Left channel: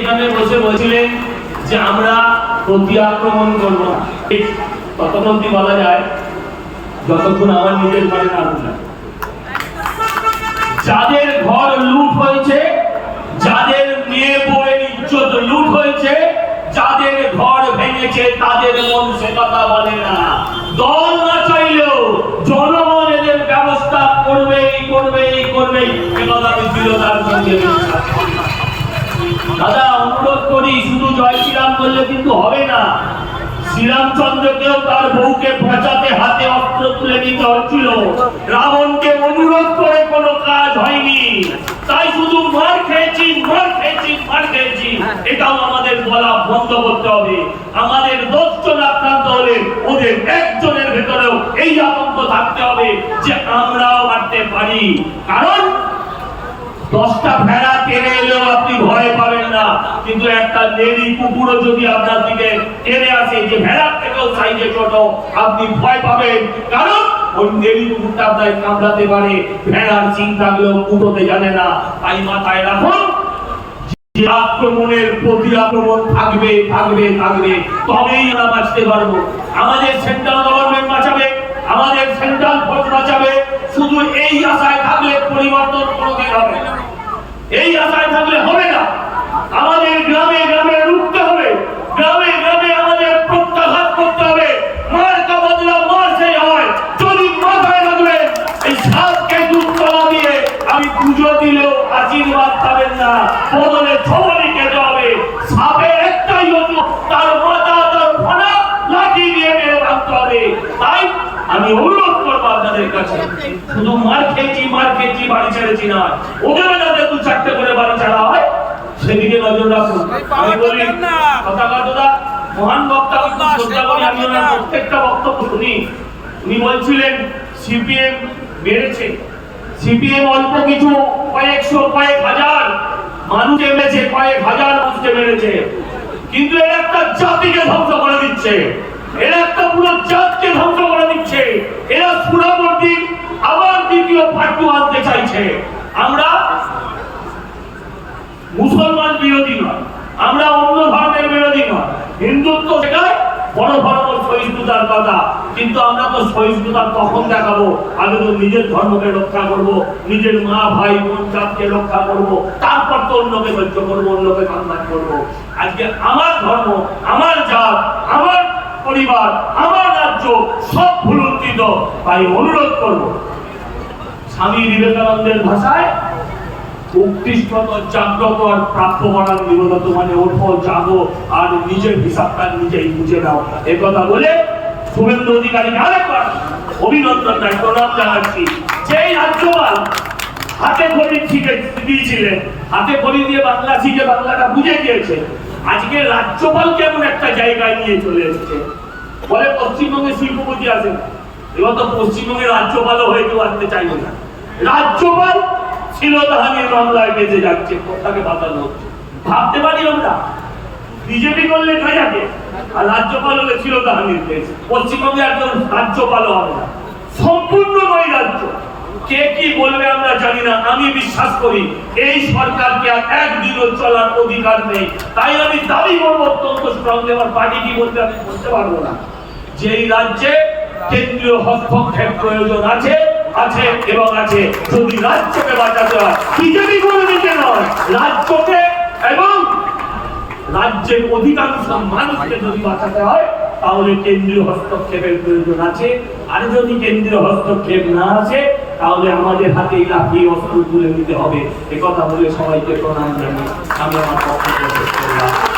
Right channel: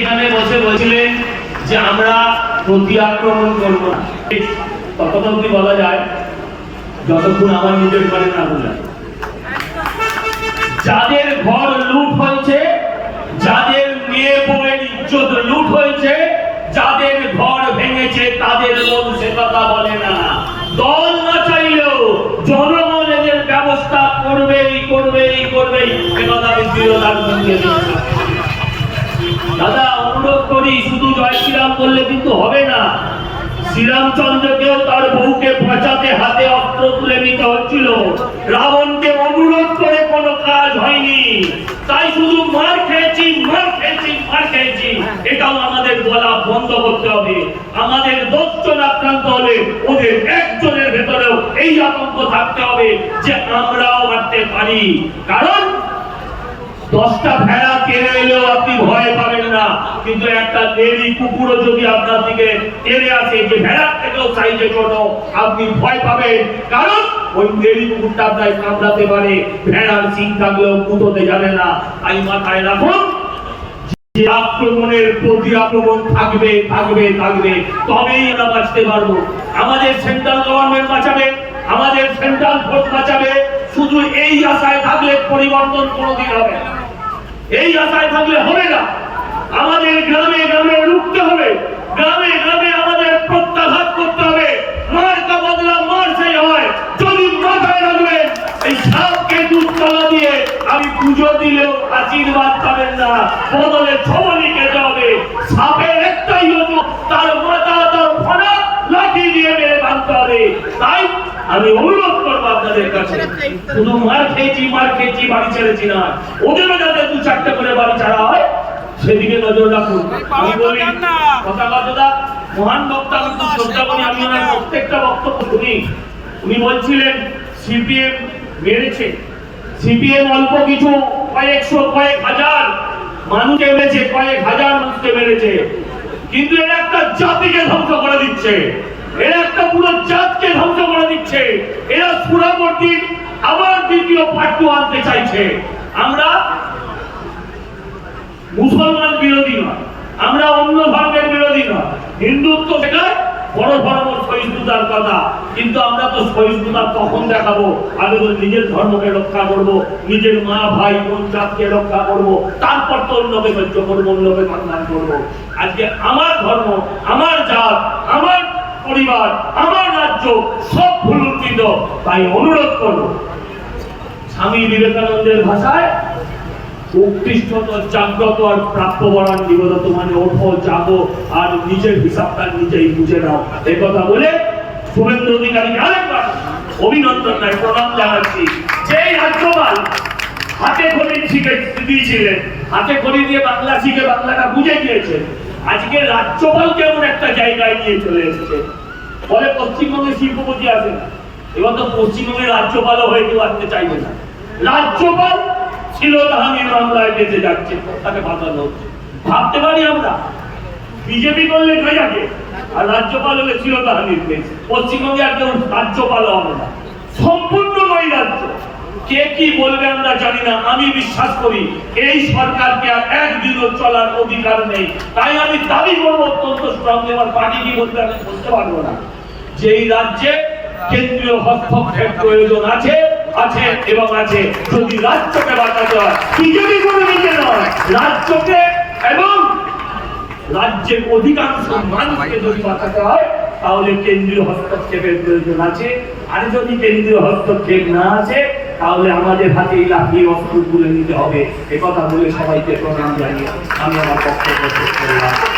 এখানে বসে বলছিলেন যে আমরা প্রতি আক্রমণ করব না। ততক্ষণ অব্দি বলা যায়, যতক্ষণ আমার নিজের ঘরে না বুঝলাম যাদের ঘর লুট হয়েছে, যাদের মেয়ে বউয়ের ইজ্জত লুট হয়েছে, যাদের ঘর ভেঙেছে, তাদের মন সে কথা বলে না। দল না চাইলেও জনগণ এদের ব্যবস্থা করবেই করবেই করবেই। এ কথা আমি দৃঢ়তার সঙ্গে। দাদা, অনুরোধ করি, শুধু জয় শ্রীরাম বললে কিন্তু হবে না। শ্রীরামচন্দ্রকেও তার হাতে অস্ত্র তুলে নিতে হচ্ছিল। রাবণকে অনুরোধ করে কোনো কাজ হয়নি। তাই শুধু মার খেয়েছি মার খেয়েছি মার খেয়েছি। এটাও আমাদের বলা বন্ধ করতে হবে। আমাদের দশজন আক্রান্ত হলে ওদের একজনের ভেতরেও এই আতঙ্ক থাকতে হবে যে আমরাও মারতে পারি। কারণ দশটা ভেড়া টেনে এলেও আপনি ভয় পাবেন কিন্তু একটা লেডি কুকুরও যদি আপনার দিকে টেনে আসে, যে ভেড়ার থেকেও সাইজে ছোট, আপনি ভয় পাবেন। কারণ ওই লেডি কুকুরটা আপনার কামড়াতে পারে। ভেড়ার থাকলেও কুটোতে জানে না। তাই মাথায় রাখুন আক্রমণের প্রতি আক্রমণ থাকবে থাকবে থাকবে। তবেই আমরা বাঁচতে পারব। আমাদের সেন্ট্রাল গভর্নমেন্ট বাঁচাবে, আমাদের সেন্ট্রাল ফোর্স বাঁচাবে। শুধু এই আশায় থাকলে পরিবর্তন কোনোদিন হবে। এই আশায় থাকলে হবে না। আমাদের গ্রামে গ্রামে রুখতে হবে। গ্রামে গ্রামে আমাদের প্রত্যাঘাত করতে হবে। মার কা বদলা মার সেই হয়। যদি মাথায় রাখবেন এই সাপকে দুধ তলা দিয়ে আমি পুজো দিলেও আশীর্বাদ পাবেন না। বদলে ছবলি খেতে হবে। সাপের একটাই হতো তার মাথা, তার ফনা লাঠি দিয়ে মেরে ভাঙতে হবে। তাই আমি অনুরোধ করব আপনাদের কাছে, শুধু মার খেয়েছি মার খেয়েছি, বাড়ি ছেড়েছি না। ওদেরও যাতে দু চারটে করে বাড়ি ছাড়া হয় সেদিকে নজর রাখুন। আমি বলি কথা মহান বক্তা শ্রদ্ধা করি আমি ওনার প্রত্যেকটা বক্তব্য শুনি। উনি বলছিলেন সিপিএম মেরেছে। সিপিএম অল্প কিছু কয়েকশো কয়েক হাজার মানুষকে মেরেছে কয়েক হাজার মানুষকে মেরেছে। কিন্তু এর একটা জাতিকে ধ্বংস করে দিচ্ছে। এরা একটা পুরো জাতকে ধ্বংস করে দিচ্ছে। এরা সুরাবর্তীর আবার দ্বিতীয় পাট্টু আনতে চাইছে। আমরা মুসলমান আমরা অন্য ধর্মের বিরোধী নয়। হিন্দুত্ব শেখায় বড় ধর্ম সহিষ্ণুতার কথা। কিন্তু আমরা তো সহিষ্ণুতা তখন দেখাবো আগে তো নিজের ধর্মকে রক্ষা করব, নিজের মা, ভাই, বোন, জাতকে রক্ষা করব, তারপর তো অন্যকে সহ্য করব, অন্যকে সম্মান করব। আজকে আমার ধর্ম, আমার জাত, আমার পরিবার, আমার রাজ্য, সব ভুলুন্ঠিত তাই অনুরোধ করব, স্বামী বিবেকানন্দের ভাষায় প্রাপ্য বলার নিবেদত মানে ওঠো, জাগো, আর নিজের হিসাবটা নিজেই বুঝে নাও। কথা বলে শুভেন্দু অধিকারী আরেকবার অভিনন্দন নাই প্রণাম জানাচ্ছি। যেই রাজ্যপাল হাতে খড়ি শিখে দিয়েছিলেন, হাতে খড়ি দিয়ে বাংলা শিখে বাংলাটা বুঝে গিয়েছে, আজকে রাজ্যপাল কেমন একটা জায়গায় নিয়ে চলে এসেছে। বলে পশ্চিমবঙ্গে শিল্পপতি আসে না, এবার তো পশ্চিমবঙ্গের রাজ্যপালও হয়ে কেউ আসতে চাইবে না। রাজ্যপাল ছিল তাহানির মামলায় বেঁচে যাচ্ছে, তাকে বাঁচানো ভাবতে পারি আমরা, বিজেপি করলে যাবে, আর রাজ্যপাল হলে ছিল তাহানির পশ্চিমবঙ্গে একজন রাজ্যপাল হবে না সম্পূর্ণ নয় রাজ্য। কে কি বলবে আমরা জানি না, আমি বিশ্বাস করি, এই সরকারকে আর একদিনও চলার অধিকার নেই। তাই আমি দাবি করব, অত্যন্ত স্ট্রং আমার পার্টি কি বলবে আমি বলতে পারব না। যেই রাজ্যে কেন্দ্রীয় হস্তক্ষেপ প্রয়োজন আছে আছে এবং আছে। যদি রাজ্যকে বাঁচাতে হয় বিজেপি করে নিতে নয় রাজ্যকে এবং রাজ্যের অধিকাংশ মানুষকে যদি বাঁচাতে হয়, তাহলে কেন্দ্রীয় হস্তক্ষেপের প্রয়োজন আছে। আর যদি কেন্দ্রীয় হস্তক্ষেপ না আছে, তাহলে আমাদের হাতে এই অস্ত্র তুলে নিতে হবে। একথা বলে সবাইকে প্রণাম জানিয়ে আমি আমার পক্ষ করলাম।